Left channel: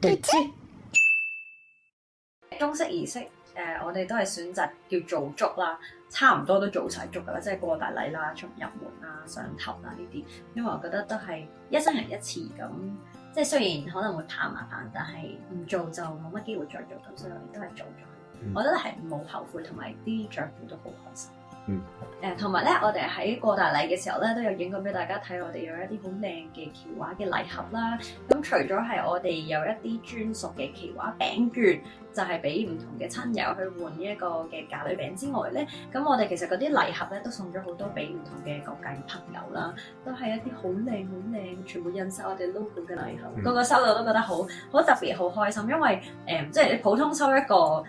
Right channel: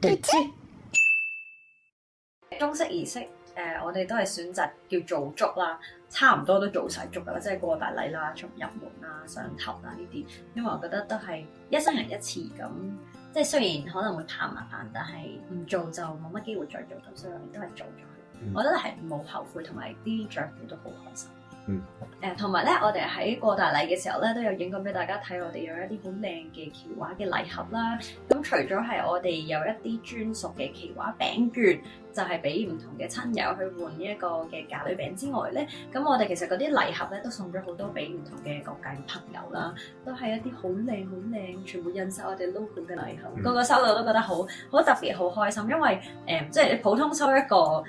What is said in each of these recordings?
中式儀式我哋都係選擇叫做祝啦，差唔多都做晒祝噶啦，即係過大禮啦、出入門啦、上頭啦呢啲，因為我覺得都係一生人一次咁，即係雖然可能會怕麻煩，但係唔做就冇乜機會再做到，所以我哋都係做咗。我覺得係冇後悔，同埋啲長輩都好開心。同埋咧，我哋喺過大禮嘅時候咧，都有影過俾大家睇，我哋有一啲好靚嘅旗畫嘅禮盒啦。咁除咗係我哋有一啲專屬嘅旗畫餅券，就係俾唔同嘅親友去換呢一個嘅嫁女餅之外咧，咁我哋其實嗰啲禮盒咧都送咗好多俾唔同嘅各界朋友啦，都係一啲好靚好靚，全部印晒我哋 logo 嘅禮盒。個個收到都覺得好特別，好開心，因為即係你普通收一個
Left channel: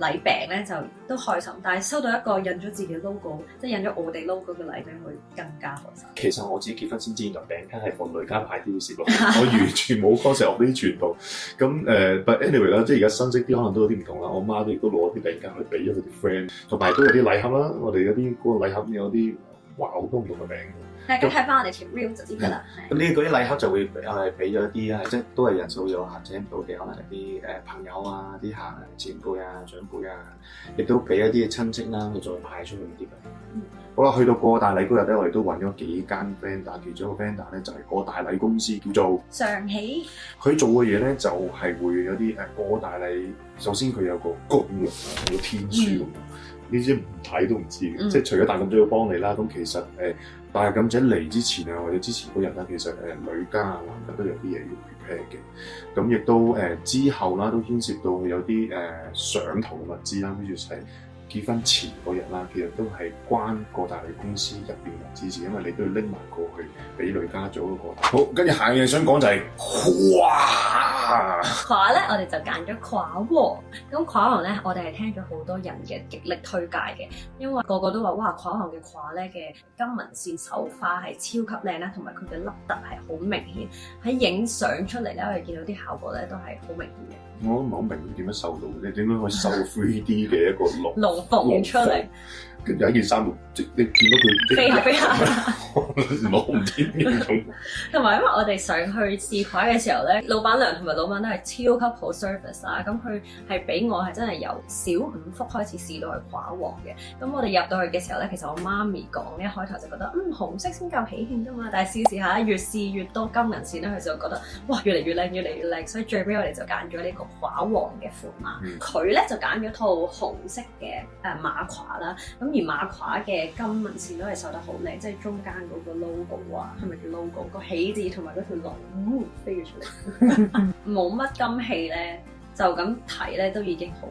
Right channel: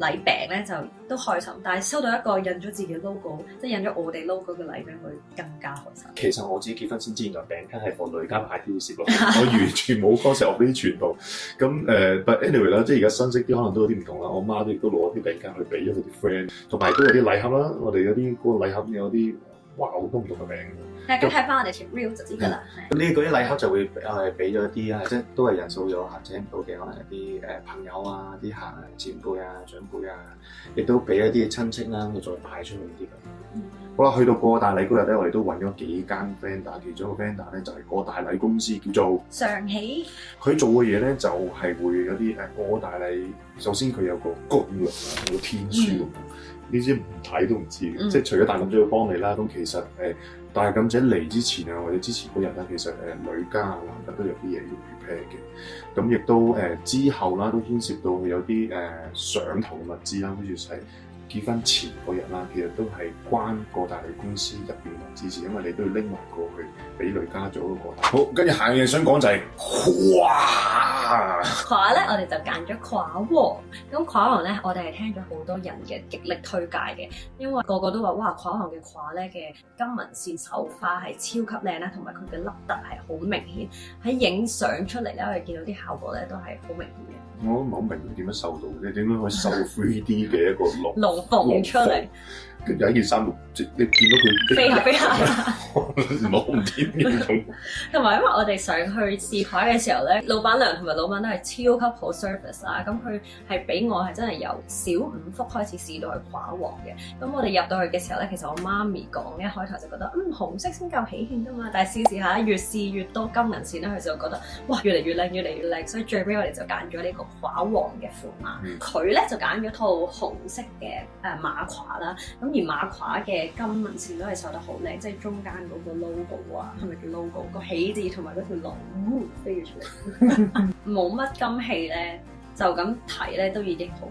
禮餅咧就都開心，但係收到一個印咗自己 logo， 即係印咗我哋 logo 嘅禮餅，會更加開心。其實我自己結婚先知道餅巾係放女家買啲事，我完全冇 concept 呢啲傳統。咁but anyway 啦，即係而家新式啲可能都有啲唔同啦。我媽亦都攞啲餅巾去俾咗佢啲 friend， 同埋都有啲禮盒啦。我哋有啲嗰個禮盒有啲哇好多唔同嘅名。大家睇翻我哋條 reel 就知㗎啦。咁呢嗰啲禮盒就會俾咗啲即係都係人數有限制到嘅，可能係啲朋友啊、啲客前輩啊、長輩啊，亦都俾一啲親戚啦，佢再派出去啲咁。好啦，去到過大禮嗰日咧，我哋都揾咗幾間 vendor， 其中一個 vendor 咧就係過大禮公司叫做上喜。佢做嘅嘢咧就係會有啲過大禮，首先佢有個公約啊，有個天書，呢啲唔睇都唔知嘅，即係除咗大妗姐要幫你啦，咁其實大妗姐嚟之前啊，或者之前嗰日咧，其實女家啊男家都有啲嘢要 prepare 嘅，咁亦都之後啦，都牽涉到有啲上頭嘅物資啦，好似係結婚前嗰日啦，其實都係關過大禮公司入邊嘅支持，因為你都要拎埋過去俾女家做嗰個。好，跟住下嘢想講就係褂咧，我哋就揀咗褂喎。咁褂王咧，我哋係聽咗好多人嘅極力推介嘅，因為個個都話哇，褂王嘅褂咧嘅金紋線繡花係超級靚啦，同埋佢嘅凹凸係好明顯，喺影相出嚟咧，我哋見到啲效果咧都係好明顯嘅。我都唔好明點樣繡到，你點樣可以繡 3D 嘅一個龍鳳出嚟？有一件衫，即你見到佢飛下飛下，冇天嘅。同埋因為我哋上去試褂嘅時候咧，老闆娘同埋老闆都係超級好 service 啦。咁佢係俾我係真係由小5幅開始試到係褂王嘅。咁我哋入到去嘅時候咧，其實我媽咪講一開頭就覺得紅色先夠喜慶㗎嘛。但係試下越試越多金銀線咧，佢就覺得哇越嚟越靚，越嚟越靚。所以最尾我哋就揀咗呢個褂王嘅款碼。佢咧就揀咗套紅色嘅馬褂啦。咁而馬褂嘅金紋線都係繡得好靚，即係中間嗰個 logo 啊，係咪叫 logo？個喜字同埋嗰條龍飛咗出嚟，冇乜金器咧，就咁睇咧都已經好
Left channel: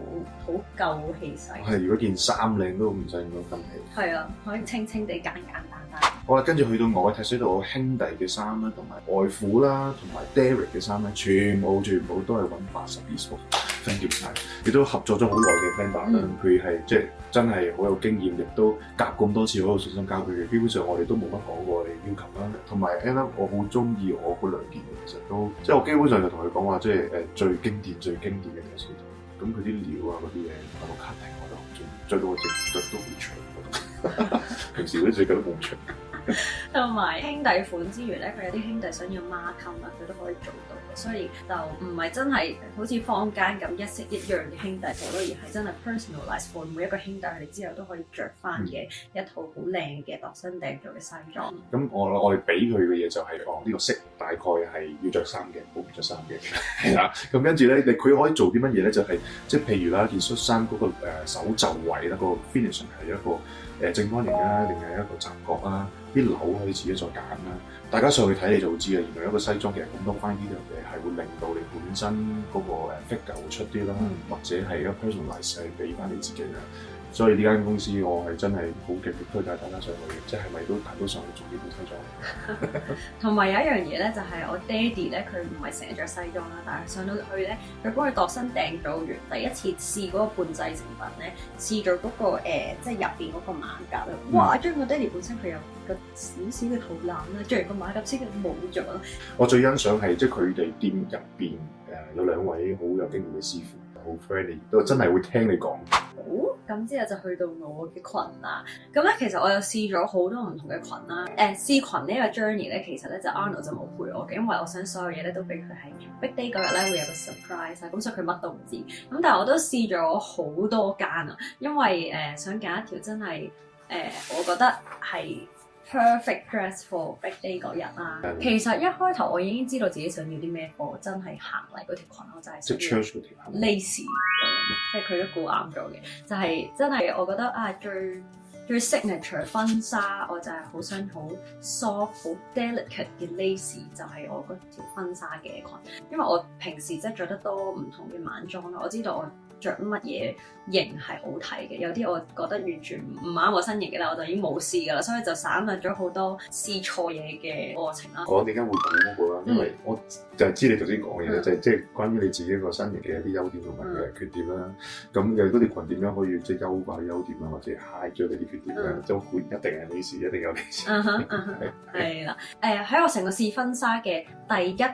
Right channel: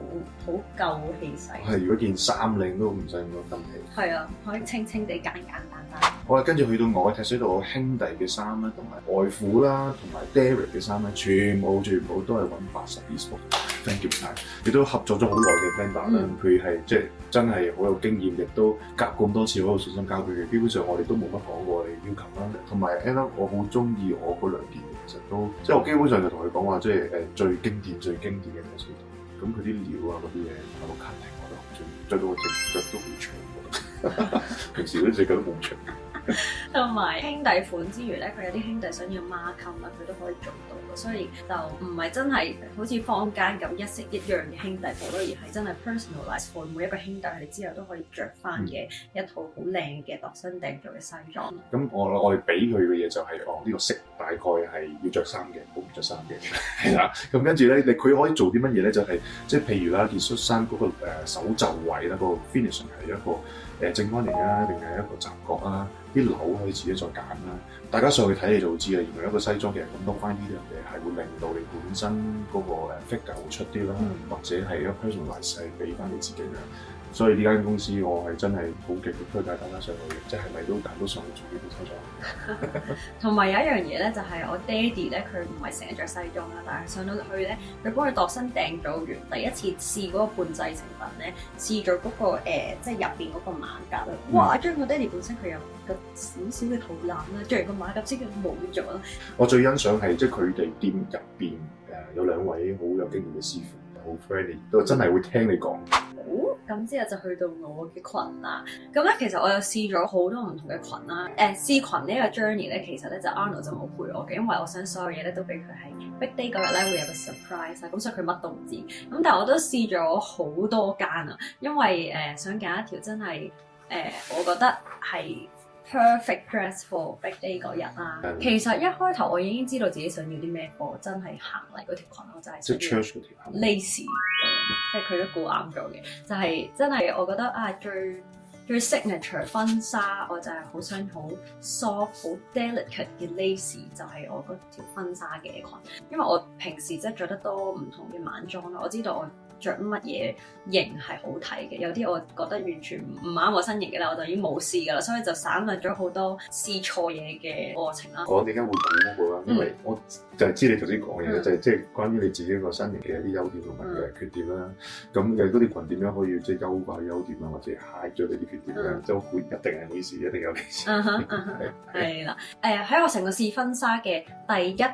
夠氣勢。係，如果件衫靚都唔使咁多金器。係啊，可以清清地簡簡單單。好啦，跟住去到我睇水道兄弟嘅衫啦，同埋外父啦，同埋 Derek 嘅衫啦，全部都係揾80 Thank you 晒，亦都合作咗好耐嘅 vendor，佢係即係真係好有經驗，亦都夾咁多次好有信心交俾佢。基本上我哋都冇乜講過要求啦。同埋 Anna 我好中意我嗰兩件嘅，其實都即係我基本上就同佢講話，即係最經典嘅嘢先。咁佢啲料啊嗰啲嘢，我都 cutting 我都好中意，着到我隻腳都好長。平時嗰隻腳都冇長。同埋兄弟款之餘咧，佢有啲兄弟想要孖襟啊，佢都可以做到嘅，所以就唔係真係好似坊間咁一式一樣嘅兄弟款咯，而係真係 personalize for 每一個兄弟，佢哋之後都可以着翻嘅一套好靚嘅度身訂做嘅西裝。咁我哋俾佢嘅嘢就係呢個色大概係要着衫嘅，冇着衫嘅，係啦。咁跟住咧，佢可以做啲乜嘢咧？就係即係譬如啦，件恤衫嗰個手袖位啦，個 finishing 係一個正方形啊，定係一個窄角啊？啲紐可以自己再揀啦。大家上去睇你就會知啊。原來一個西裝其實咁多 fine detail 嘅係會令到你本身嗰個figure 會出啲啦，或者係一個 personalize 係俾翻你自己啦。所以呢間公司我係真係好極力推介大家上去，即係咪都大多上去做嘅工作。同埋有一樣嘢咧，就係我爹哋咧，佢唔係成日着西裝啦，但係上到去咧，佢幫佢度身訂做完第一次試嗰個半製成品咧，試咗嗰個即係入邊嗰個馬甲啦。哇！將我爹哋本身佢有個少少嘅肚腩啦，着完個馬甲之後冇咗。我最欣賞係即係佢哋店入邊有兩位好有經驗嘅師傅，好 friendly，都真係會聽你講。咁之後就去到我嘅裙啦。咁咧其實我有試咗好多唔同嘅裙啦。試裙呢個 journey 咧，其實咧就 Arnold 就冇陪我嘅，因為我想所有嘢咧都俾佢係 Big Day 嗰日咧會有個 surprise 啊，咁所以佢乜都唔知。咁但係我都試咗好多間啊，因為想揀一條真係我覺得係 perfect dress for Big Day 嗰日啦。其實一開頭我已經知道自己想要啲咩貨，真係行嚟嗰條裙我就係即係 church 嗰條 lace，即係佢都估啱咗嘅，就係、真係我覺得啊最 signature 婚紗，我就係好想好 soft 好 delicate 嘅 lace， 就係我嗰條婚紗嘅裙。因為我平時即係着得多唔同嘅晚裝啦，我知道我着乜嘢型係好睇嘅，有啲我覺得完全唔啱我身形嘅啦，我就已經冇試噶啦，所以就省略咗好多試錯嘢嘅過程啦。我點解會咁樣咧？因為我就係知你頭先講嘅，就係即係關於你自己個身形嘅一啲優點同埋嘅缺點啦。咁嘅嗰條裙點樣可以即係優化優點啊，或者 hide 咗你啲缺點咧？就會一定係呢事，一定有呢事。係啦，喺我成個試婚紗嘅第一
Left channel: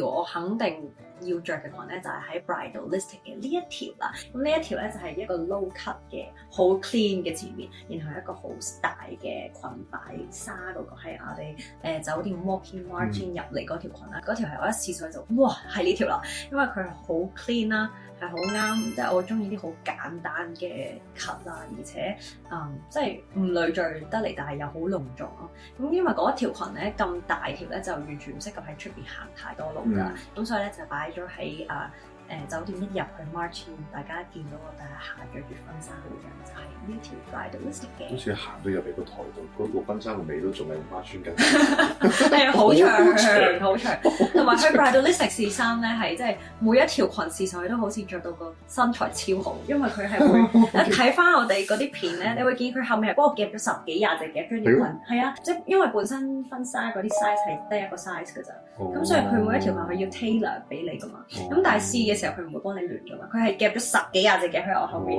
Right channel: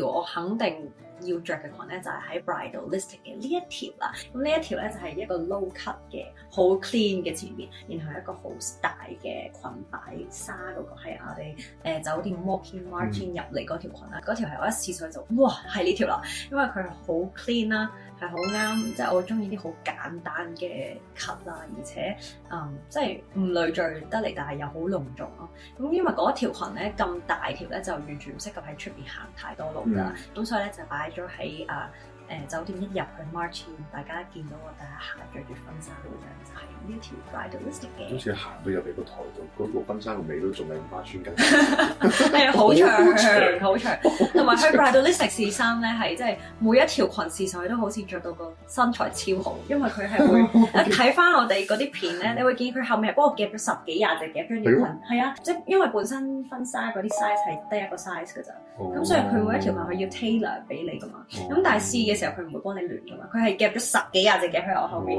條，我肯定要着嘅裙咧就係喺 Bridalistic 嘅呢一條啦。咁呢一條咧就係一個 low cut 嘅，好 clean 嘅前面，然後一個好大嘅裙擺紗嗰個係我哋酒店 walk-in margin 入嚟嗰條裙啦。嗰條係我一試上去就哇係呢條啦，因為佢好 clean 啦。係好啱，即係我中意啲好簡單嘅 cut 啦，而且即係唔累贅得嚟，但係又好隆重咯。咁因為嗰條裙咧咁大條咧，就完全唔適合喺出邊行太多路㗎，咁所以咧就擺咗喺酒店一入去 Martin， 大家見到我第一下着住婚紗嗰樣就係呢條 Bridalistic 嘅。好似行到入嚟個台度，嗰個婚紗嘅尾都仲係唔穿緊，係好長好長，同埋佢 Bridalistic 試衫咧係即係每一條裙試上去都好似着到個身材超好，因為佢係會一睇翻我哋嗰啲片咧，你會見佢後面幫我夾咗10幾廿隻夾咗條裙，係啊，即係因為本身婚紗嗰啲 size 係得一個 size 㗎咋，咁所以佢每一條裙佢要 tailor 俾你㗎嘛，咁但係試嘅時候佢唔會幫你亂㗎嘛，佢係夾咗10幾廿隻夾喺我後面，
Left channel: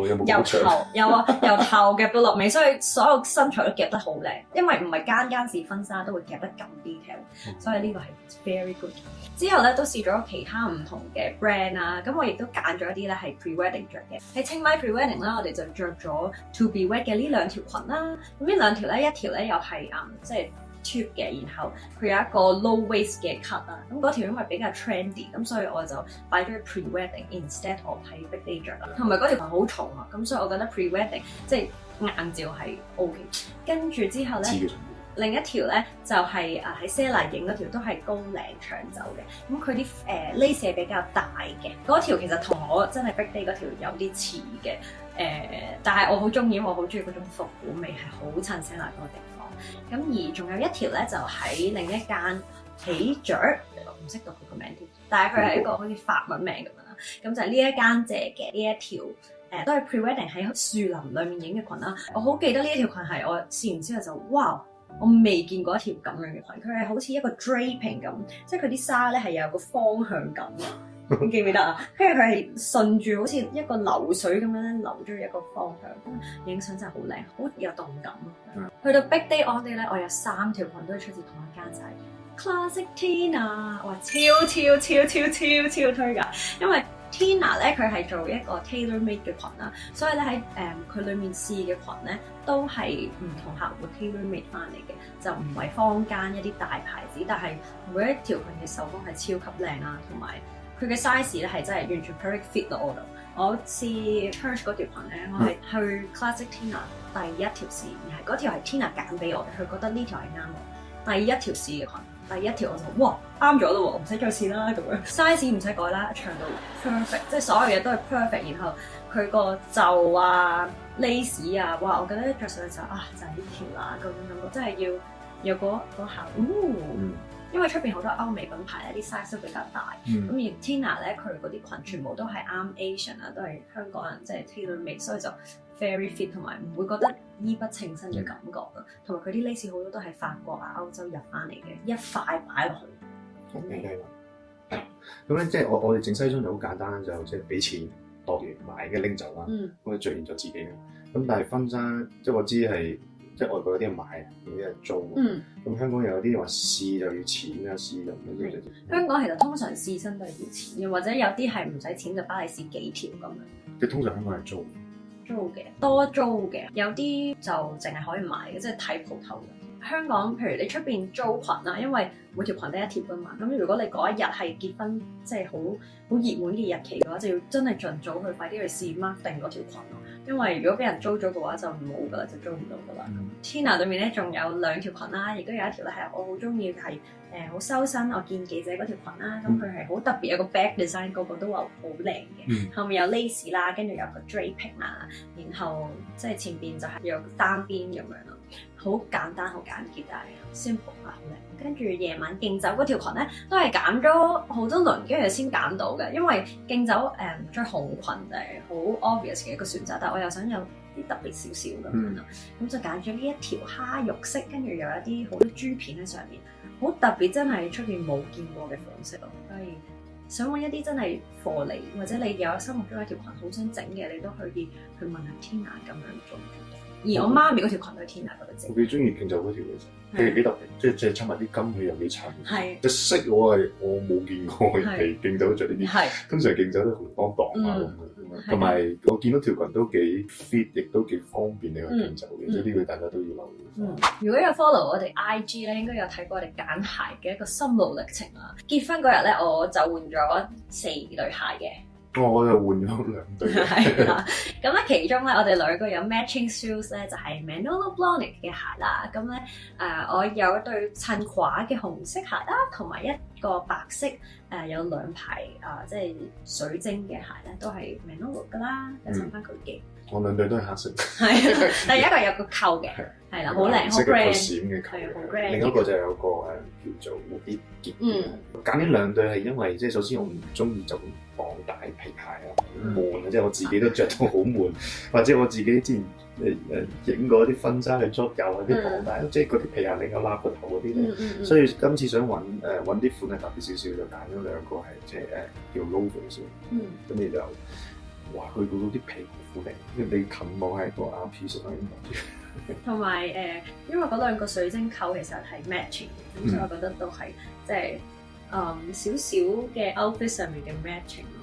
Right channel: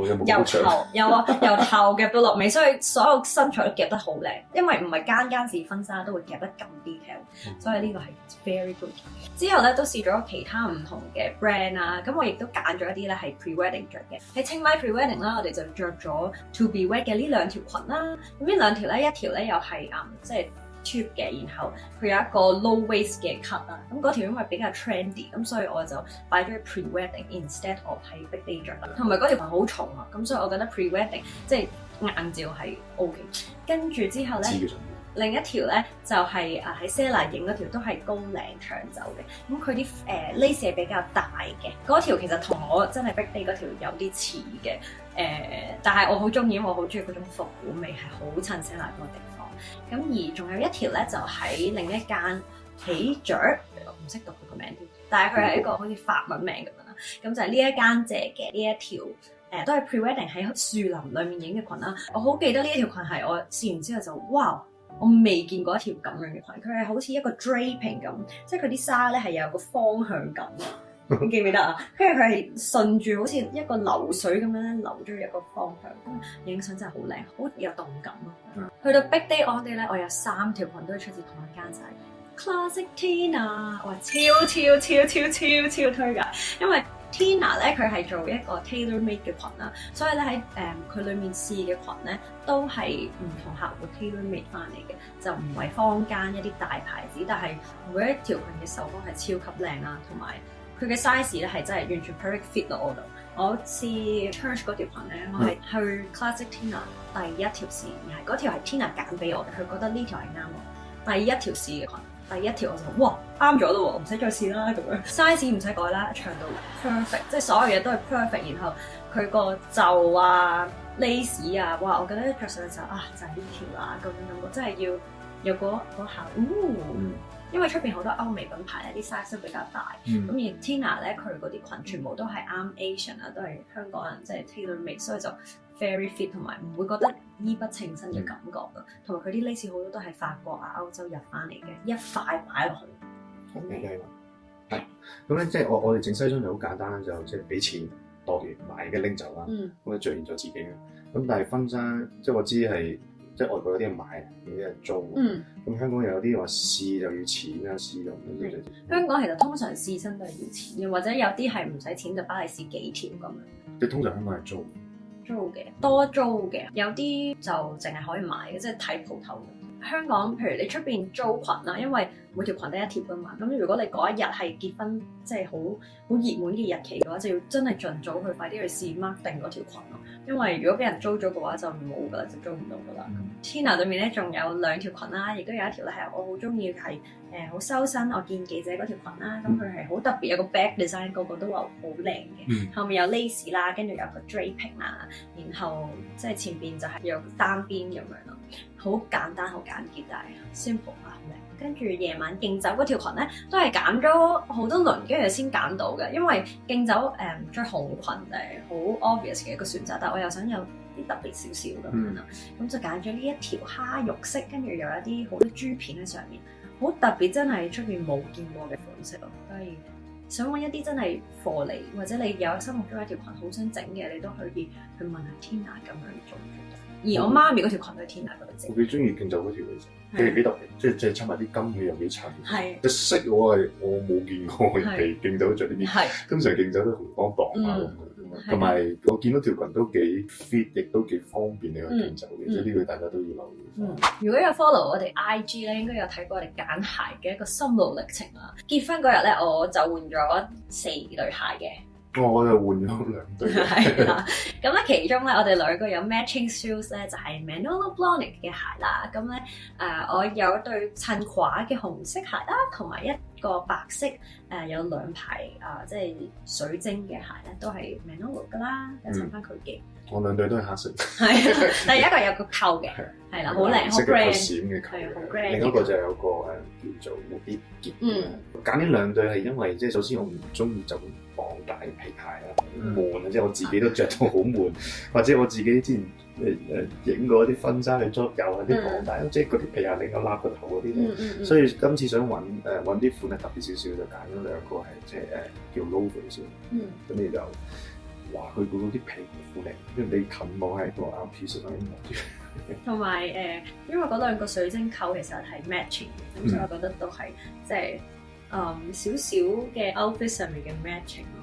由頭夾到落尾，所以所有身材都夾得好靚，因為唔係間間試婚紗都會夾得咁 detail，所以呢個係 very good。之後咧都試咗其他唔同嘅 brand 啦，咁我亦都揀咗一啲咧係 pre-wedding 着嘅。喺清邁 pre-wedding 啦，我哋就着咗 to be wed 嘅呢兩條裙啦。咁呢兩條咧，一條咧又係即係 tube 嘅，然後佢有一個 low waist 嘅 cut 啦。咁嗰條因為比較 trendy，咁所以我就擺咗 pre-wedding instead of 喺 big day 着啦。同埋嗰條裙好重啊，咁所以我覺得 pre-wedding 即係硬照係 OK。跟住之後咧。另一條咧就係喺 Sella 影嗰條都係高領長袖嘅，咁佢啲lace 係比較大嘅，嗰條其實同我真係 Big Day 嗰條有啲似嘅，但係我好中意，因為我好中意嗰種復古味，係好襯 Sella 嗰個地方。咁而仲有一條咧就喺另一間喜雀，我唔識讀佢個名添，但係佢係一個好似法文名咁樣啦，咁就係呢一間借嘅呢一條。都係 pre-wedding 喺樹林裡面影嘅裙啦，我好記得呢一條裙係我試完之後就哇！我未見過一條咁樣嘅裙，佢係好似一個 draping 咁，即係佢啲紗咧係有個方向感啊！你記唔記得啊？跟住佢係順住好似一個流水咁樣咧流咗一個方向，影相真係好靚，好有動感啊！去到 Big Day all day 咧，我有3條裙都係出自同一間，就係 Classic Tina， 哇！超推㗎，因為 Tina 咧佢係做一個 tailor-made 嘅裙啦，所以咧喺佢裡面試嘅裙咧都係唔同客戶 tailor-made 翻嚟嘅，就唔係坊間一啲大牌子，但係每一條裙嘅手工係超級靚啦，同埋佢嘅 size 咧係真係完全 perfect fit 到我度。我試 Church 嗰條裙咧，我係去 Classic Tina 第一條試嘅，嗰條係 Tina 揀俾我，佢覺得呢條係啱我。第一條試嘅裙。第一條我就哇啱咗咯喎，唔使再試啦咁樣。size 唔使改啦，長度 perfect， 即係所有嘢都係 perfect。然後佢個袖啊、lace 啊，哇！我覺得一着上去就就係呢條啦咁樣。我真係要有嗰下，因為出邊好多歐美品牌咧，啲 size 都比較大。咁而 Tina 咧，佢嗰啲裙全部都係啱 Asian 啊，都係香港人即係 tailor-made，所以就 very fit 同埋唔會覺得衣不稱身嘅感覺咯。同埋佢啲 lace 好多都係法國啊、歐洲入翻嚟嘅，一塊擺落去。OK， 咁咧即係我哋整西裝就好簡單，就即係俾錢度完買嘅拎走啦。咁就著現咗自己嘅。咁但係婚紗即係我知係即係外國嗰啲買，有啲人租。咁香港有啲話試就要錢啊，試用嗰啲就。香港其實通常試身都係要錢，或者有啲係唔使錢就幫你試幾條咁樣。即係通常香港係租。租嘅，多租嘅，有啲就淨係可以買嘅，即係睇鋪頭。香港譬如你出邊租裙啦，因為每條裙都一貼㗎嘛，咁如果你嗰一日係結婚，即係好熱門嘅日期嘅話，就要真係盡早去快啲去試 mark 定嗰條裙咯。因為如果俾人租咗嘅話，就冇㗎啦，就租唔到㗎啦。Tina 裏面咧仲有2條裙啦，亦都有一條咧係我好中意係好修身，我見記者嗰條裙啦，咁佢係好特別，有個 back design，個個都話好靚嘅，後面有 lace 啦，跟住有個 draping 啦，然後即係前邊就係有個單邊咁樣咯。好簡單，好簡潔，但係 simple 啊，好靚。跟住夜晚競走嗰條裙咧，都係揀咗好多輪，跟住先揀到嘅。因為競走着紅裙係好 obvious 嘅一個選擇，但係我又想有啲特別少少咁樣啦。咁就揀咗呢一條蝦肉色，跟住有一啲好多珠片喺上面，好特別，真係出邊冇見過嘅款式咯。所以想揾一啲真係貨你，或者你有心目中一條裙好想整嘅，你都可以去問下 Tina 咁樣做。而我媽咪嗰條裙都係 Tina 嗰度整。我幾中意競走嗰條嘅，幾特別，即係襯埋啲金嘅又幾襯。係。隻色我冇見過係競走着呢啲。係。通常競走都紅當當啊咁，同埋我見到條裙都幾 fit，亦都幾方便你去競走嘅，所以呢個大家都要留意。如果有 follow 我哋 IG 咧，應該有睇過我哋揀鞋嘅一個心路歷程啦。結婚嗰日咧，我就換咗4對鞋嘅。我又換咗2對。係啦，咁咧其中咧，我哋兩個有 matching shoes 咧，就係 Manolo Blahnik 嘅鞋啦。咁咧我有一對襯褂嘅紅色鞋啦，同埋一個白色有2排即係水晶嘅鞋咧，都係 Manolo 噶啦，有襯翻佢嘅。我2對都係黑色。係，但係一個有個扣嘅，係啦，好靚，好 brand，閃嘅扣。係好 brand。另一個就有個叫做冇啲結嘅。揀呢2對係因為即係首先我唔中意就綁大皮鞋啊，悶，即係我自己都着到好悶，或者我自己之前影過一啲婚紗嘅 job 有啲綁帶，即係嗰條皮鞋另外拉個頭嗰啲咧。所以今次想揾啲款係特別少少，就揀咗2個係即係叫 logo 先。跟住就哇，佢嗰啲皮好靚，你近望係個 piece 喺度。同埋因為嗰2個水晶扣其實係 matching，咁所以我覺得都係即係少少嘅 outfit 上面嘅 matching 咯。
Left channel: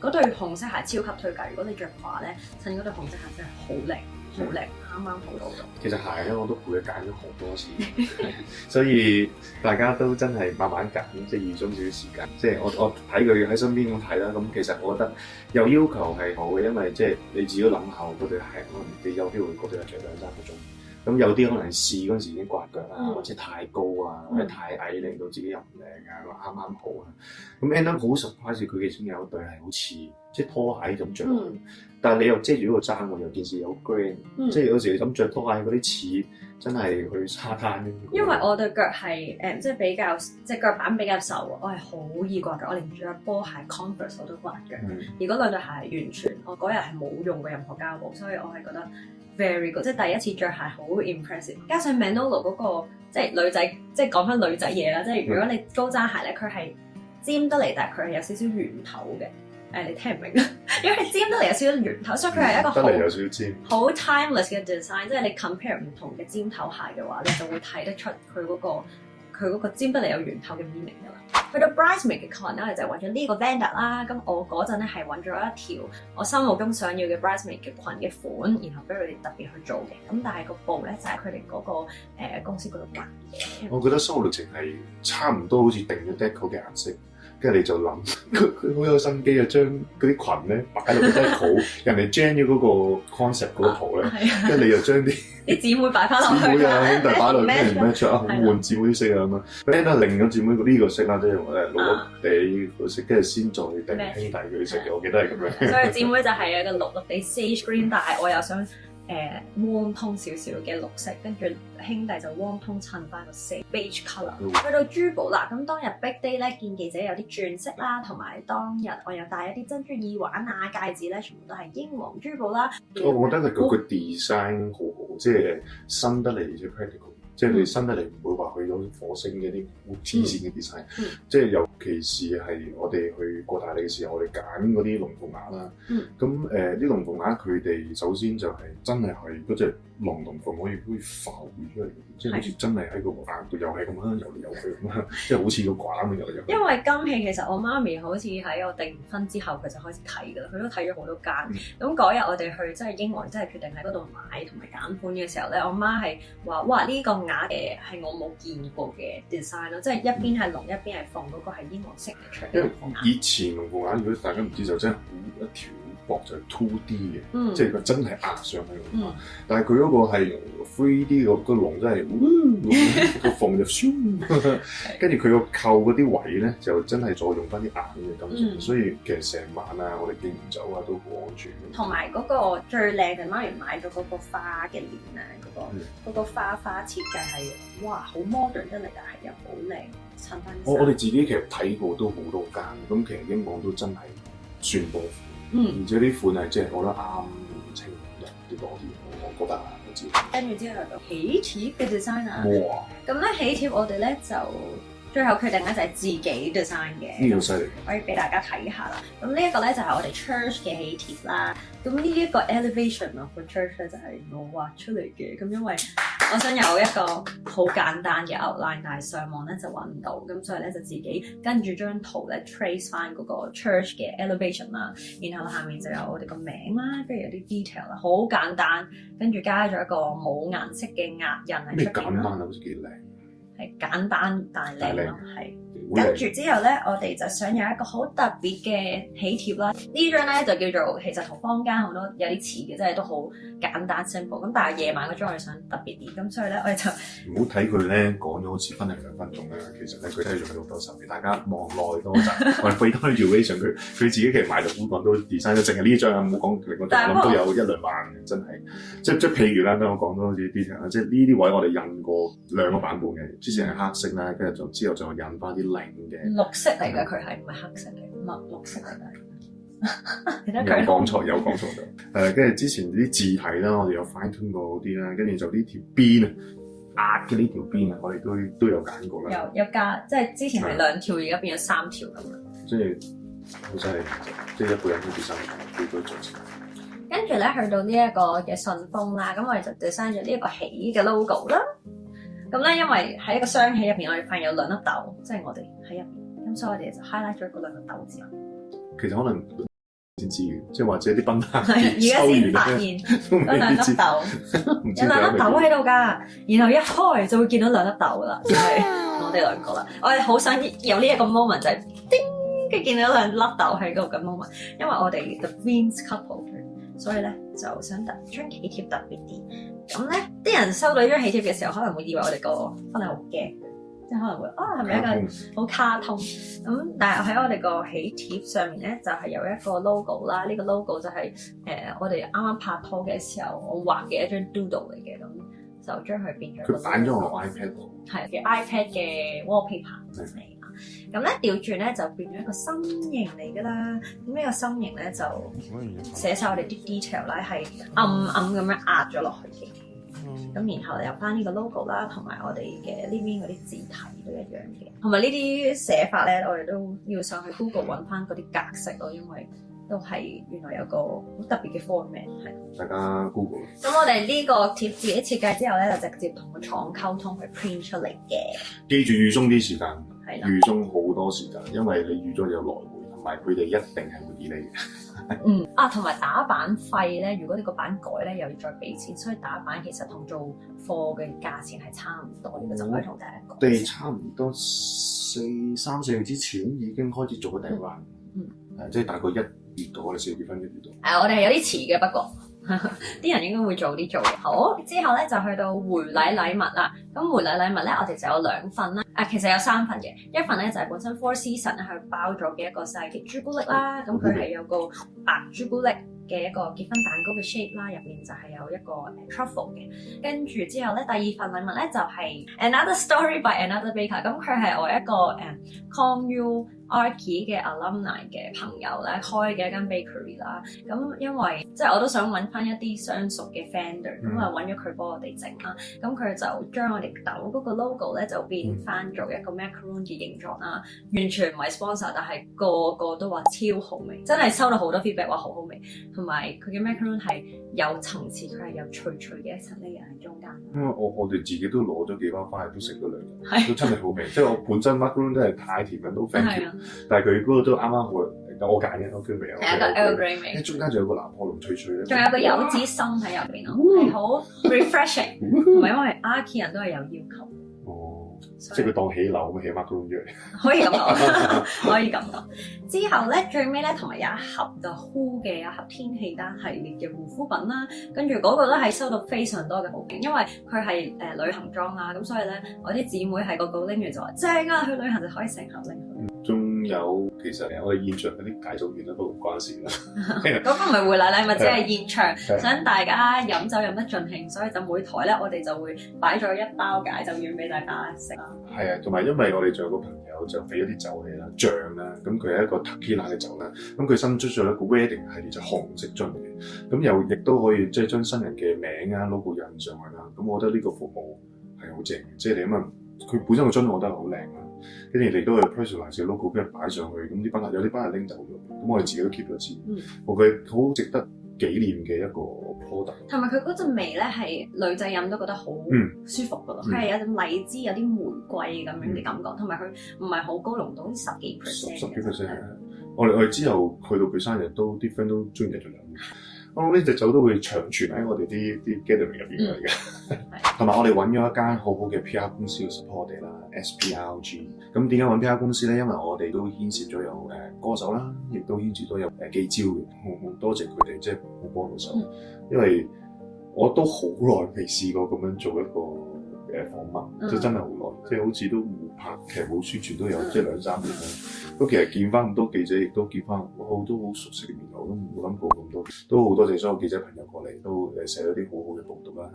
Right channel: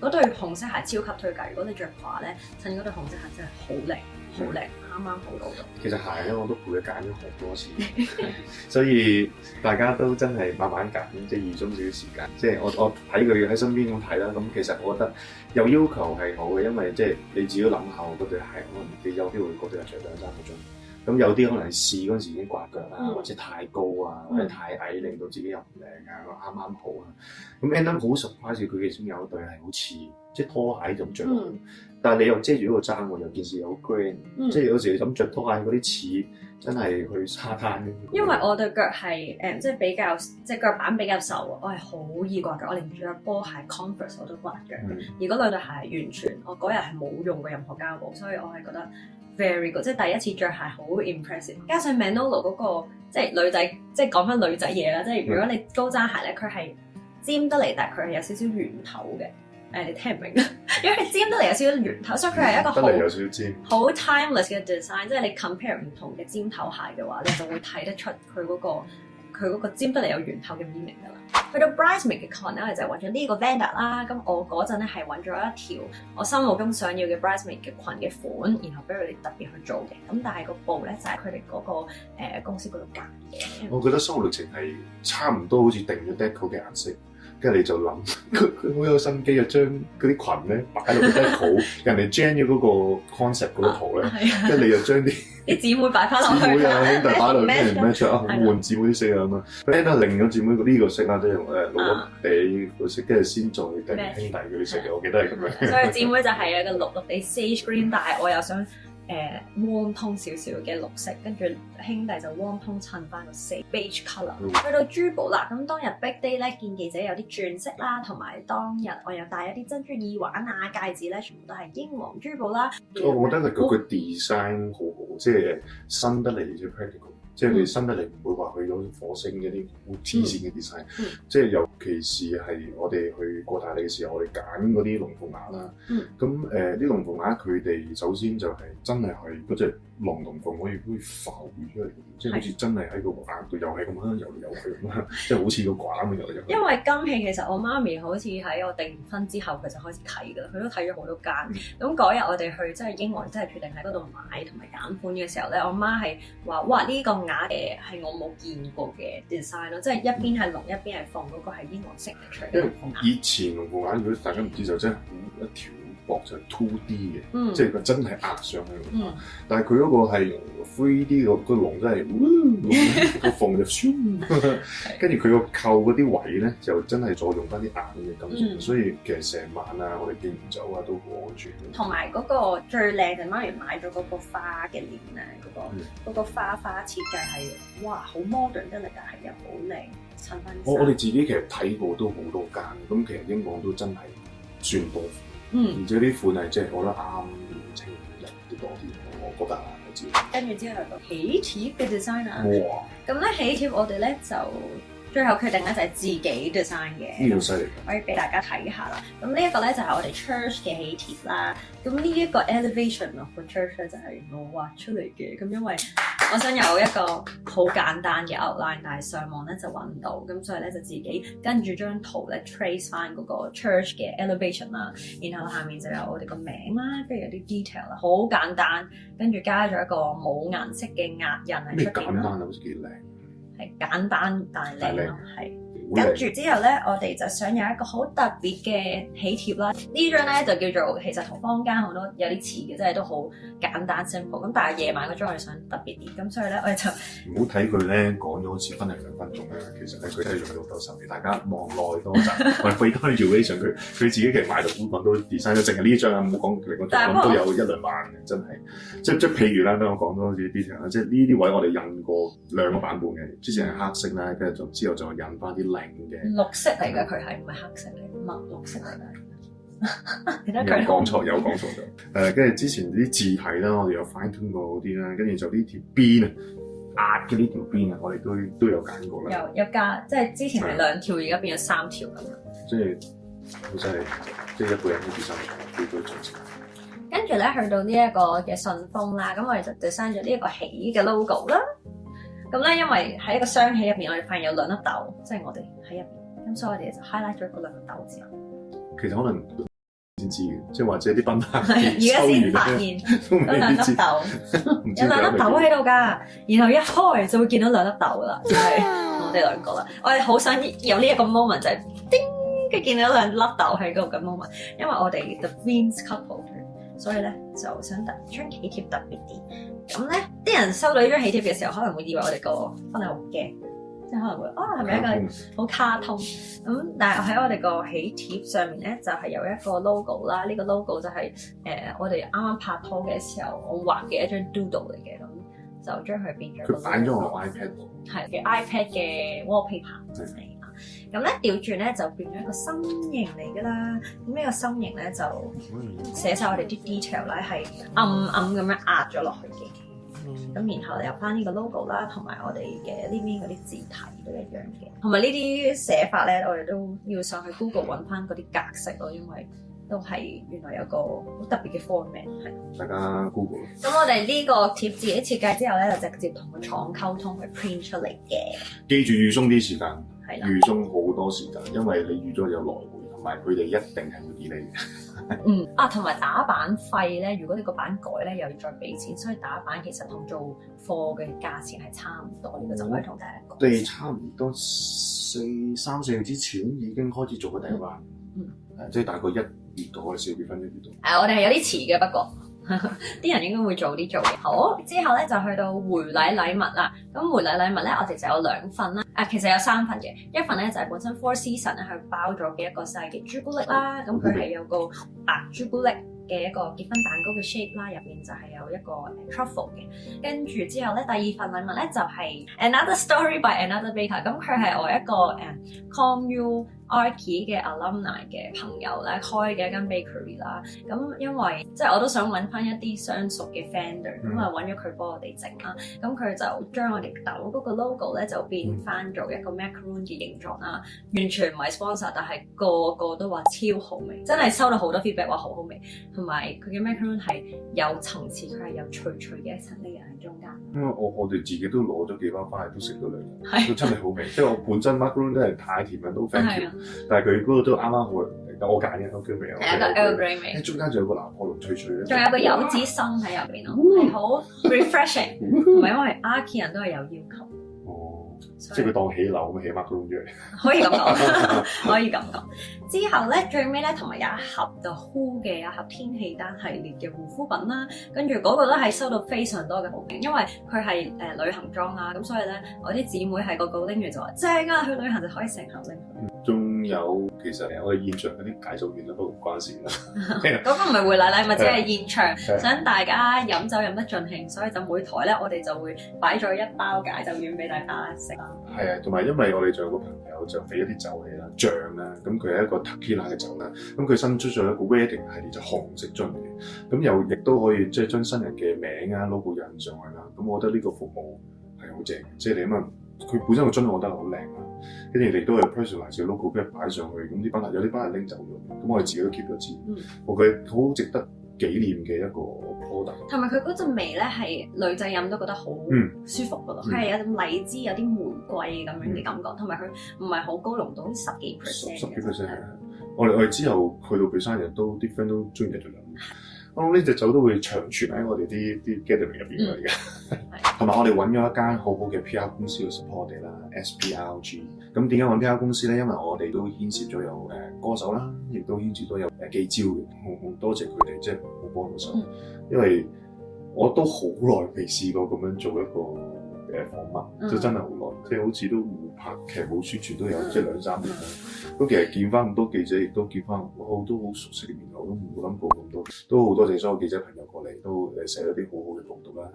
嗰對紅色鞋超級推介，如果你着褂咧，襯嗰對紅色鞋真係好靚，好靚，啱啱好到咗。其實鞋咧我都陪佢揀咗好多次，所以大家都真係慢慢揀，即係預咗少少時間。即係我睇佢喺身邊咁睇啦，咁其實我覺得有要求係好嘅，因為即係你自己諗下嗰對鞋，可能你有機會嗰對係着2真係好中意。咁有啲可能係試嗰陣時已經刮腳啊，或者太高啊，或者太矮，令到自己又唔靚啊，啱啱好啊。咁 end up 好 surprise 佢其中有一對係好似即係拖鞋咁着，但係你又遮住嗰個踭喎，有件事有 grand，即係有時你咁着拖鞋嗰啲似真係去沙灘。因為我對腳係即係比較即係腳板比較瘦啊，我係好易刮腳，我連着波鞋 Converse 我都刮腳。而嗰2對鞋完全我嗰日係冇用過任何膠布，所以我係覺得 very good，即係第一次着鞋好 impressive。加上 Manolo 嗰個即係女仔，即係講翻女仔嘢啦，即係如果你高踭鞋咧，佢係尖得嚟，但係佢係有少少圓頭嘅。你聽唔明啊？因為尖得嚟有少少圓頭，所以佢係一個好 timeless 嘅 design。即係你 compare 唔同嘅尖頭鞋嘅話，你就會睇得出佢嗰個尖得嚟有圓頭嘅 meaning 㗎啦。去到 bridesmaid 嘅 con 咧，我就揾咗呢個 vendor 啦。咁我嗰陣咧係揾咗一條我心目中想要嘅 bridesmaid 嘅裙嘅款，然後俾佢哋特別去做嘅。咁但係個布咧就係佢哋嗰個公司嗰度揀嘅。我覺得生活歷程係差唔多，好似定咗 deco 嘅顏色。跟住你就諗，佢好有心機啊！將嗰啲裙咧擺落個 deco，人哋 gen 咗嗰個 concept 嗰個圖咧，跟住你又將啲姊妹擺翻落去，姊妹啊兄弟擺落去 match 啊，好換姊妹色啊嘛。跟住另咗姊妹呢個色啦，即係我哋攞地嗰色，跟住先再定兄弟嗰啲色嘅，我記得係咁樣。所以姊妹就係一個綠綠地 sage green，但係我又想warm tone少少嘅綠色，跟住兄弟就 warm tone 襯翻個 beige colour。去到珠寶啦，咁當日 big day 咧，見記者有啲鑽飾啦，同埋當日我又戴一啲珍珠耳環啊、戒指咧，全部都係英皇珠寶啦。我覺得佢個 design 好好，即係新得嚟嘅 practical。即係你新得嚟唔會話去到火星嘅啲好黐線嘅 design，即係尤其是係我哋去過大理時候，我哋揀嗰啲龍鳳鈪啦。咁啲龍鳳鈪佢哋首先就係真係係嗰隻龍鳳可以浮出嚟，即係好似真係喺個鈪度又係咁樣游嚟游去咁樣，即係好似個quả咁樣游嚟游去。因為金器其實我媽咪好似喺我訂婚之後佢就開始睇㗎啦，佢都睇咗好多間。咁嗰日我哋去即係英皇，真係決定喺嗰度買同埋揀款嘅時候咧，我媽係話：哇！呢個鈪嘅係我冇見過嘅 design 咯，即係一邊係龍一邊係鳳嗰個係英皇式嘅龍鳳鈪。以前龍鳳鈪如果大家唔知就真係一條薄就 2D 嘅，即係佢真係壓上去。但係佢嗰個係 3D 個龍真係個鳳就唰，跟住佢個扣嗰啲位咧就真係再用翻啲硬嘅金屬，所以其實成晚啊我哋見唔走啊都好安全。同埋嗰個最靚嘅媽咪買咗嗰個花嘅鏈啊，嗰個花設計係哇好 modern 真係，但係又好靚，襯翻。我哋自己其實睇過都好多間，咁其實英皇都真係算多款，而且啲款係即係覺得啱年青人啲多啲，我覺得我知。跟住之後就喜帖嘅 design 啊，咁咧喜帖我哋咧就最後決定咧就係自己 design 嘅，呢個犀利，可以俾大家睇下啦。咁呢一個咧就係我哋 church 嘅喜帖啦。咁呢一個 elevation of the church 咧就係我畫出嚟嘅。咁因為我想有一個好簡單嘅 outline，但係上網咧就揾唔到，咁所以咧就自己跟住張圖咧 trace 翻嗰個 church 嘅 elevation 啦。然後下面就有我哋個名啦，跟住有啲 detail 啦，好簡單。跟住加咗一個冇顏色嘅壓印喺出邊。簡單好似幾靚。係簡單但靚咯，係。跟住之後咧，我哋就想有一個好特別嘅喜帖啦。呢張咧就叫做其實同坊間好多有啲似嘅，真係都好簡單 simple。咁但係夜晚嗰張我哋想特別啲，咁所以咧我哋就唔好睇佢咧講咗好似分零兩分鐘啦。其實佢真係用咗好多手嘅，大家望耐多陣，或俾多啲 duration 佢自己其實買到本都 design 咗，淨係呢張啊，唔好講另外張都有1-2萬嘅，真係。即譬如啦，等我講多啲 detail 啦，即係呢啲位我哋印過2個版本嘅，之前係黑色啦，跟住之後就印翻啲靚嘅綠色嚟嘅，佢係唔係黑色嚟？墨綠色嚟嘅。你睇佢講錯有講錯跟住之前啲字體啦，我哋有 fine tune 過嗰啲啦，跟住就呢條邊壓嘅呢條邊啊，我哋都有揀過啦。有加，即係之前係2條，而家變咗3條咁樣。即係即係一個人都做晒，都做晒。跟住咧，去到呢一個嘅信封啦，咁我哋就 design 咗呢一個喜嘅 logo 啦。咁咧，因為喺一個雙喜入邊，我哋發現有2粒豆，即係我哋喺入邊，咁所以我哋就 highlight 咗嗰2粒豆之後。其實可能先知嘅，即係或者啲賓客而家先發現嗰2粒豆，有2粒豆喺度㗎。然後一開就會見到2粒豆啦，就係我哋2個啦。我係好想有呢一個 moment 就係叮，跟住見到2粒豆喺嗰個 moment，因為我哋 the twins couple， 所以咧就想將喜帖特別啲。咁咧，啲人收到呢張喜帖嘅時候，可能會以為我哋個婚禮好驚，即係可能會係咪一個好卡通咁？但係喺我哋個喜帖上面咧，就係有一個 logo 啦。呢個 logo 就係我哋啱啱拍拖嘅時候我畫嘅一張 doodle 嚟嘅，咁就將佢變咗。佢擺咗我 iPad 度，係嘅 iPad 嘅 wallpaper 嚟㗎。咁咧調轉咧就變咗一個心形嚟㗎啦。咁呢個心形咧就寫晒我哋啲 detail 咧係暗暗咁樣壓咗落去嘅。咁然後有翻呢個 logo 啦，同埋我哋嘅呢邊嗰啲字體都一樣嘅，同埋呢啲寫法咧，我哋都要上去 Google 揾翻嗰啲格式咯，因為都係原來有個好特別嘅 format 係。大家 Google。咁我哋呢個貼自己設計之後咧，就直接同個廠溝通去 print 出嚟嘅。記住預鬆啲時間，預鬆好多時間，因為你預咗有來回，同埋佢哋一定係會理你。同埋打版費咧，如果你個版改咧，又要再俾錢，所以打版其實同做貨嘅價錢係差唔多。呢個就可以同大家講。我哋差唔多3-4月之前已經開始做緊訂版，即係大概1月度，我哋4月份1月度。我哋係有啲遲嘅，不過啲人應該會早啲做嘅。好，之後咧就去到回禮物啦。咁回禮禮物咧，我哋就有2份啦。其實有3份嘅，一份咧就係本身 Four Seasons 去包咗嘅一個細嘅朱古力啦。咁佢係有個白朱古力嘅一個結婚蛋糕嘅 shape 啦，入面就係有一個truffle 嘅。跟住之後咧，第2份禮物咧就係 Another Story by Another Baker。咁佢係我一個Come You Archie 嘅 alumni 嘅朋友咧開嘅一間 bakery 啦。咁因為即係我都想揾翻一啲相熟嘅 founder，咁啊揾咗佢幫我哋整啦。咁佢就將我哋豆嗰個 logo 咧就變翻做一個 macaron 嘅形狀啦，完全唔係 sponsor， 但係個個都話超好味，真係收到好多 feedback 話好好味，同埋佢嘅 macaron 係有層次，佢係有脆脆嘅一層 layer 喺中間。因為我哋自己都攞咗幾包翻嚟都食咗兩日，都真係好味。即係我本身 macaron 真係太甜啦，都 thank you，但係佢嗰個都啱啱我揀嘅都叫味啊，係一個 evergreen 味。中間仲有個拿破崙脆脆嘅，仲有個柚子心喺入邊咯，係好 refreshing，唔係因為 Archie 人都係有要求。即係佢當起樓咁起 macaron 嘅，可以咁講，可以咁講。之後咧，最尾咧，同埋有一盒就 Who 嘅一盒天氣丹系列嘅護膚品啦，跟住嗰個都係收到非常多嘅好評，因為佢係旅行裝啦，咁所以咧，我啲姊妹係個個拎住就話正啊，去旅行就可以成盒拎。仲有其實我哋現場嗰啲介紹其實都唔關事啦。嗰個唔係回禮禮物，只係現場想大家飲酒飲得盡興，所以就每台咧我哋就會擺咗一包解酒丸俾大家食啦。係啊，同埋因為我哋仲有個朋友就俾一啲酒嚟啦，醬啦，咁佢係一個 tequila 嘅酒啦，咁佢新出咗一個 wedding 係就紅色樽嘅，咁又亦都可以即係將新人嘅名啊 logo 印上去啦。咁我覺得呢個服務係好正嘅，即係你因為佢本身個樽我覺得好靚啊。跟住你都有 personalize 嘅 logo 俾人擺上去，咁啲班人有啲班人拎走咗，咁我哋自己都 keep 咗錢。佢好值得紀念嘅一個 product。同埋佢嗰陣味咧係女仔飲都覺得好舒服㗎，佢係有種荔枝、有啲玫瑰咁樣嘅感覺，同埋佢唔係好高濃度，十幾 percent。10%我哋之後去到佢生日都啲 friend 都中意咗飲。我呢隻酒都會長存喺我哋啲 gathering 入邊嚟嘅，同埋我哋揾咗一間好好嘅 PR 公司去 support 我哋啦 ，SPRG。咁點解揾 PR 公司咧？因為我哋都牽涉咗有歌手啦，亦都牽涉到有記招嘅，好多謝佢哋即係好幫到手。因為我都好耐未試過咁樣做一個訪問，即係真係好耐，即係好似都拍劇冇宣傳都有即係2-3年。咁其實見翻咁多記者，亦都見翻好多好熟悉嘅面孔，都冇諗過咁多，都好多謝所有記者朋友過嚟，都寫咗啲好好嘅報道啦。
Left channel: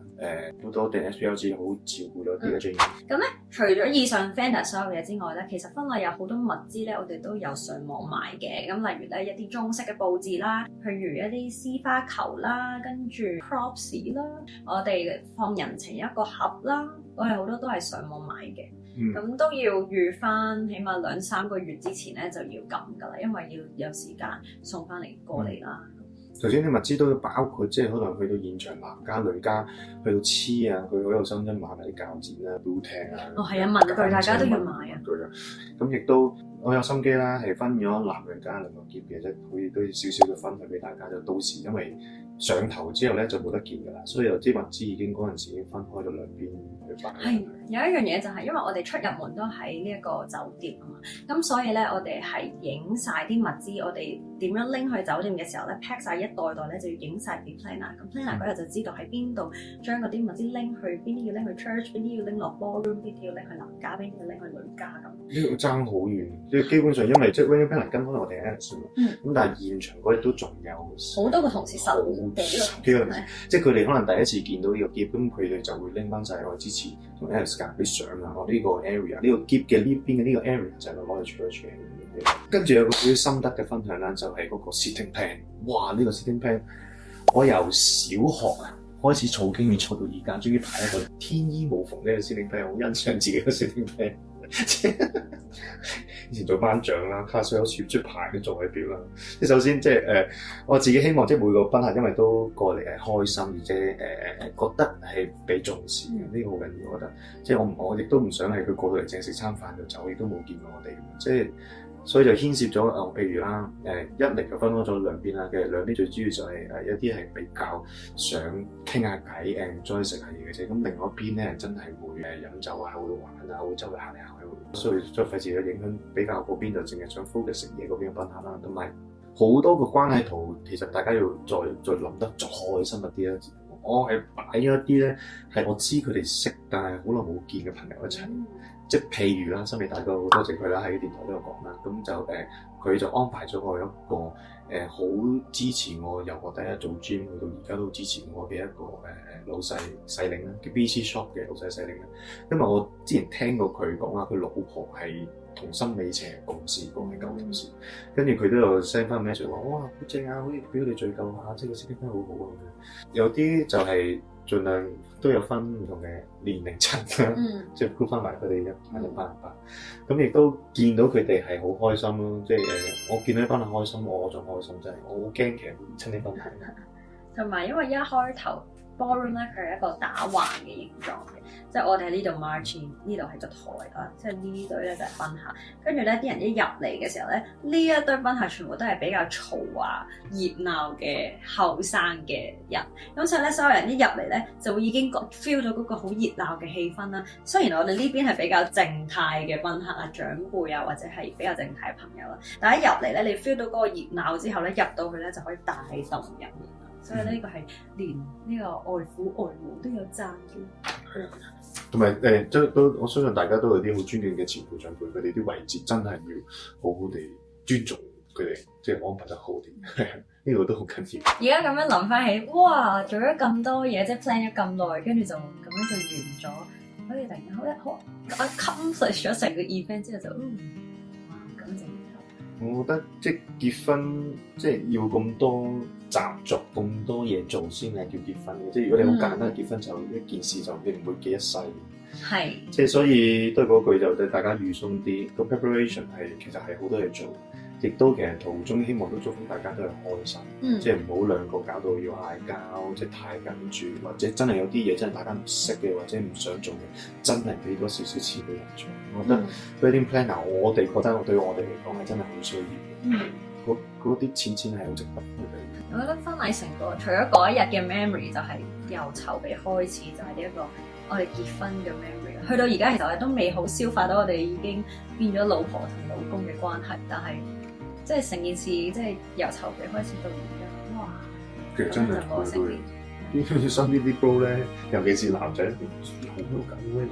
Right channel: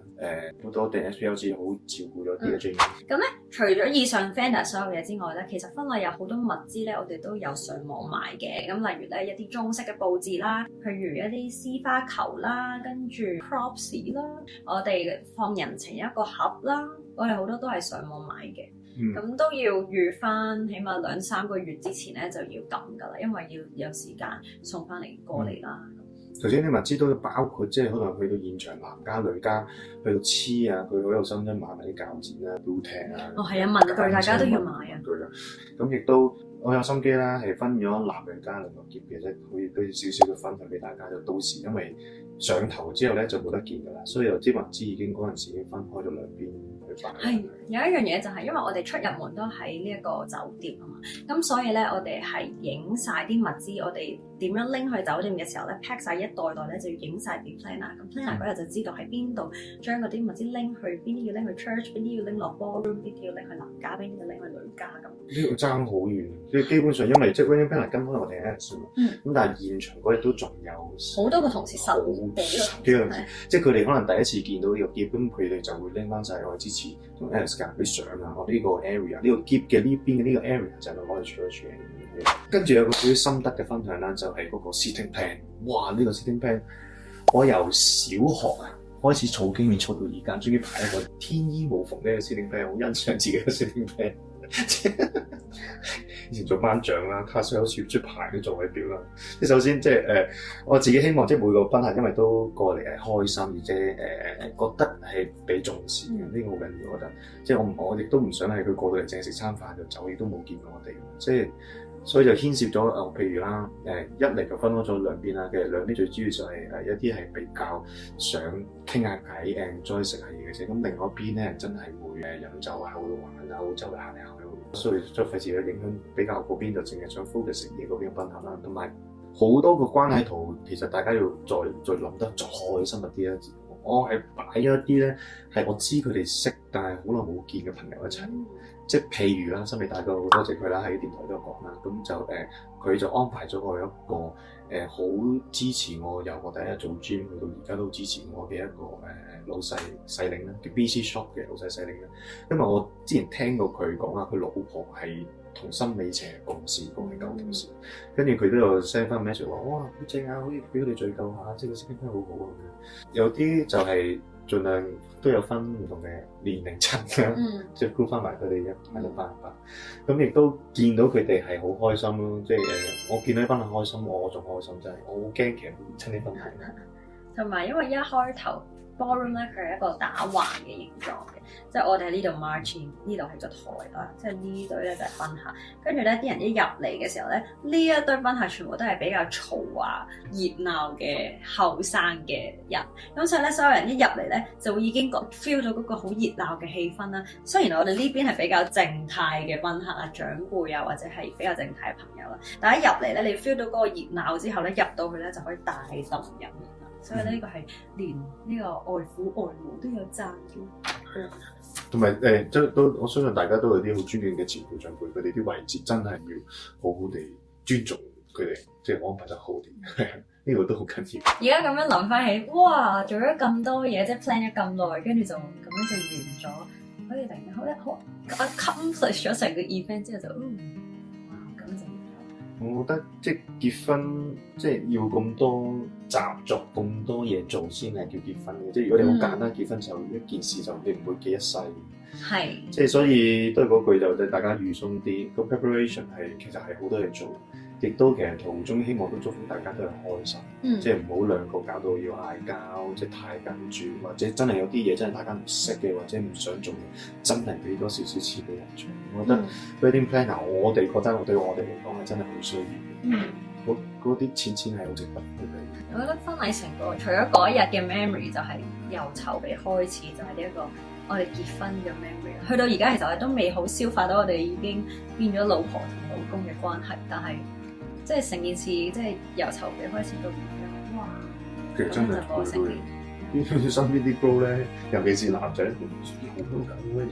好多謝 SPLG 好照顧咗啲嘅 J。咁咧，除咗以上 Fender 所有嘢之外咧，其實婚禮有好多物資咧，我哋都有上網買嘅。咁例如咧一啲中式嘅佈置啦，譬如一啲絲花球啦，跟住 props 啦，我哋放人情一個盒啦，我哋好多都係上網買嘅。咁都要預翻，起碼2-3個月之前咧就要撳㗎啦，因為要有時間送翻嚟過嚟啦。頭先啲物資都包括，即係可能去到現場男家女家去到黐啊，佢好有心真買埋啲鉸剪啊、blue tag 啊。哦，係啊，文具大家都要買啊。咁亦都我有心機啦，係分咗男女家兩個夾嘅啫，可以都要少少嘅分享俾大家。就到時因為上頭之後咧就冇得見㗎啦，所以有啲物資已經嗰陣時已經分開咗兩邊去擺。係有一樣嘢就係因為我哋出入門都喺呢一個酒店啊嘛，咁所以咧我哋係影晒啲物資，我哋點樣拎去酒店嘅時候咧 pack 晒一袋袋咧就要影晒俾 planner，咁 planner 嗰日就知道喺邊度將嗰啲物資拎去，邊啲要拎去 church，邊啲要拎落 ballroom，邊啲要拎去男家，邊啲要拎去女家咁。呢個爭好遠，即係基本上因為即係 wedding planner 跟翻我哋 Alex 嘛，咁但係現場嗰日都仲有好多個同事實。幾個即係佢哋可能第一次見到呢個喼，咁佢哋就會拎翻晒我之前同 Alex 夾啲相啊，我呢個 area 呢個喼嘅呢邊嘅呢個 area 就係攞嚟處理處理。跟住有個啲心得嘅分享啦，就係嗰個 sitting plan。哇！呢個 sitting plan 我由小學啊開始儲經驗，儲到而家，終於排一個天衣無縫呢個 sitting plan，好欣賞自己嘅 sitting plan。以前做班長啦，卡數有時出牌嘅座位表啦。即係首先即係我自己希望即係每個賓客因為都過嚟係開心，而且覺得係被重視嘅，呢個好緊要。我覺得即係我亦都唔想係佢過到嚟淨係食餐飯就走，亦都冇見過我哋。即係所以就牽涉咗譬如啦一嚟就分開咗兩邊啦。其實兩邊最主要就係一啲係比較想傾下偈再食下嘢嘅啫。咁另外一邊咧真係會飲酒啊、好多玩啊、好周圍行嚟行去。所以再費事去影響比較嗰邊，就淨係想 focus 食嘢嗰邊賓客啦，同埋好多個關係圖，其實大家要再諗得再開心一啲啦。我係擺咗一啲咧，係我知佢哋識，但係好耐冇見嘅朋友一齊。即係譬如啦，森美大哥好多謝佢啦，喺電台都有講啦。咁就佢就安排咗我一個好支持我由我第一日做 gym 去到而家都支持我嘅一個老細細領啦，叫 BC Shop 嘅老細細領啦。因為我之前聽過佢講話，佢老婆係同心理邪共事共嘅舊同事，跟住佢都有 send 翻 message 話哇好正啊，可以俾我哋聚舊下，即係個設計真係好好啊！有啲就係盡量都有分唔同嘅年齡層嘅，即係 group 翻埋佢哋一班。咁亦都見到佢哋係好開心咯，即係我見到呢班人開心，我仲開心，真係我好驚其實唔親呢分係咩。同埋因為一開頭 ballroom 咧，佢係一個打橫嘅形狀嘅，即係我哋喺呢度 march in， 呢度係個台啦，即係呢隊咧就係賓客，跟住咧啲人一入嚟嘅時候咧，呢一堆賓客全部都係比較嘈啊、熱鬧嘅後生嘅人，咁所以咧所有人一入嚟咧就會已經 feel 到嗰個好熱鬧嘅氣氛啦。雖然我哋呢邊係比較靜態嘅賓客啊、長輩啊或者係比較靜態嘅朋友啦，但係一入嚟咧，你 feel 到嗰個熱鬧之後咧，入到去咧就可以帶動人。所以呢個係連呢個外父外母都要讚嘅。同埋都我相信大家都有啲好尊敬嘅前輩長輩，佢哋啲位置真係要好好地尊重佢哋，即係安排得好啲。呢個都好緊要。而家咁樣諗翻起，哇！做咗咁多嘢，即係 plan 咗咁耐，跟住就咁樣就完咗，好似突然間好 accomplish 咗成個 event 之後就咁就。我覺得即係結婚，即係要咁多習俗、咁多嘢做先係叫結婚。即係如果你好簡單結婚就一件事就你唔會記一世。係。即係所以都係嗰句就大家預鬆啲，個 preparation 係其實係好多嘢做，亦都其實途中希望都祝福大家都係開心。即係唔好兩個搞到要嗌交，即係太緊住，或者真係有啲嘢真係大家唔識嘅，或者唔想做嘅，真係俾多少少錢嚟做。我覺得 wedding planner，我哋覺得對我哋嚟講真係好需要。嗰啲錢係好值得嘅。我覺得婚禮成個除咗嗰一日嘅 memory， 就係由籌備開始就係呢一個我哋結婚嘅 memory。去到而家其實我哋都未好消化到我哋已經變咗老婆同老公嘅關係，但係即係成件事即係由籌備開始到而家，哇！其實真係好多嘢。啲身邊啲 bro 咧，尤其是男仔，好多咁嘅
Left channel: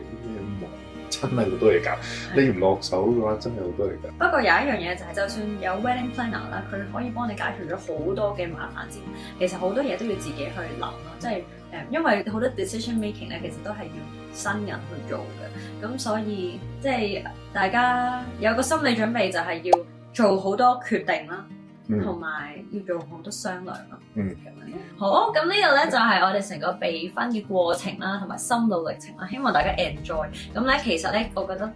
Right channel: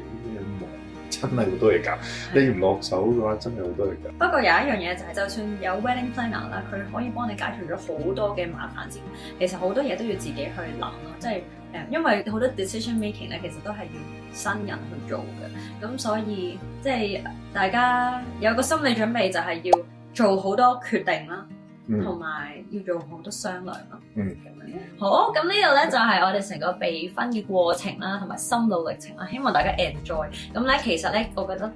真係好多嘢搞，你唔落手嘅話，真係好多嘢搞。不過有一樣嘢就係，就算有 wedding planner 啦，佢可以幫你解決咗好多嘅麻煩之餘，其實好多嘢都要自己去諗咯。即係因為好多 decision making 咧，其實都係要新人去做嘅。咁所以即係大家有個心理準備，就係要做好多決定啦，同埋要做好多商量咯。好，咁呢個咧就係我哋成個備婚嘅過程啦，同埋心路歷程啦。希望大家 enjoy。咁咧其實咧，我覺得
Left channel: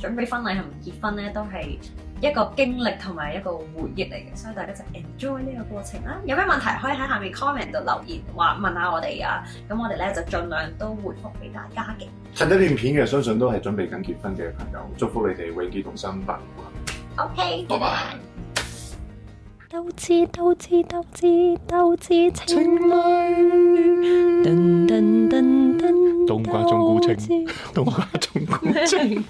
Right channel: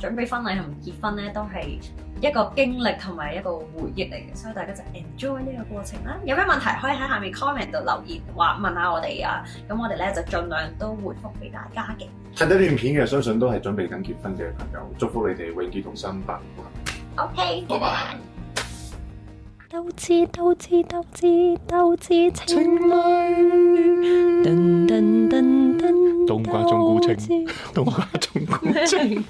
準備婚禮同結婚咧都係一個經歷同埋一個回憶嚟嘅，所以大家就 enjoy 呢個過程啦。有咩問題可以喺下面 comment 度留言話問下我哋啊。咁我哋咧就盡量都回覆俾大家嘅。睇呢段片嘅相信都係準備緊結婚嘅朋友，祝福你哋永結同心，百年好合。OK，拜拜。鬥智鬥智鬥智鬥智情侶，噔噔噔噔，冬瓜冬菇青，冬瓜冬菇青。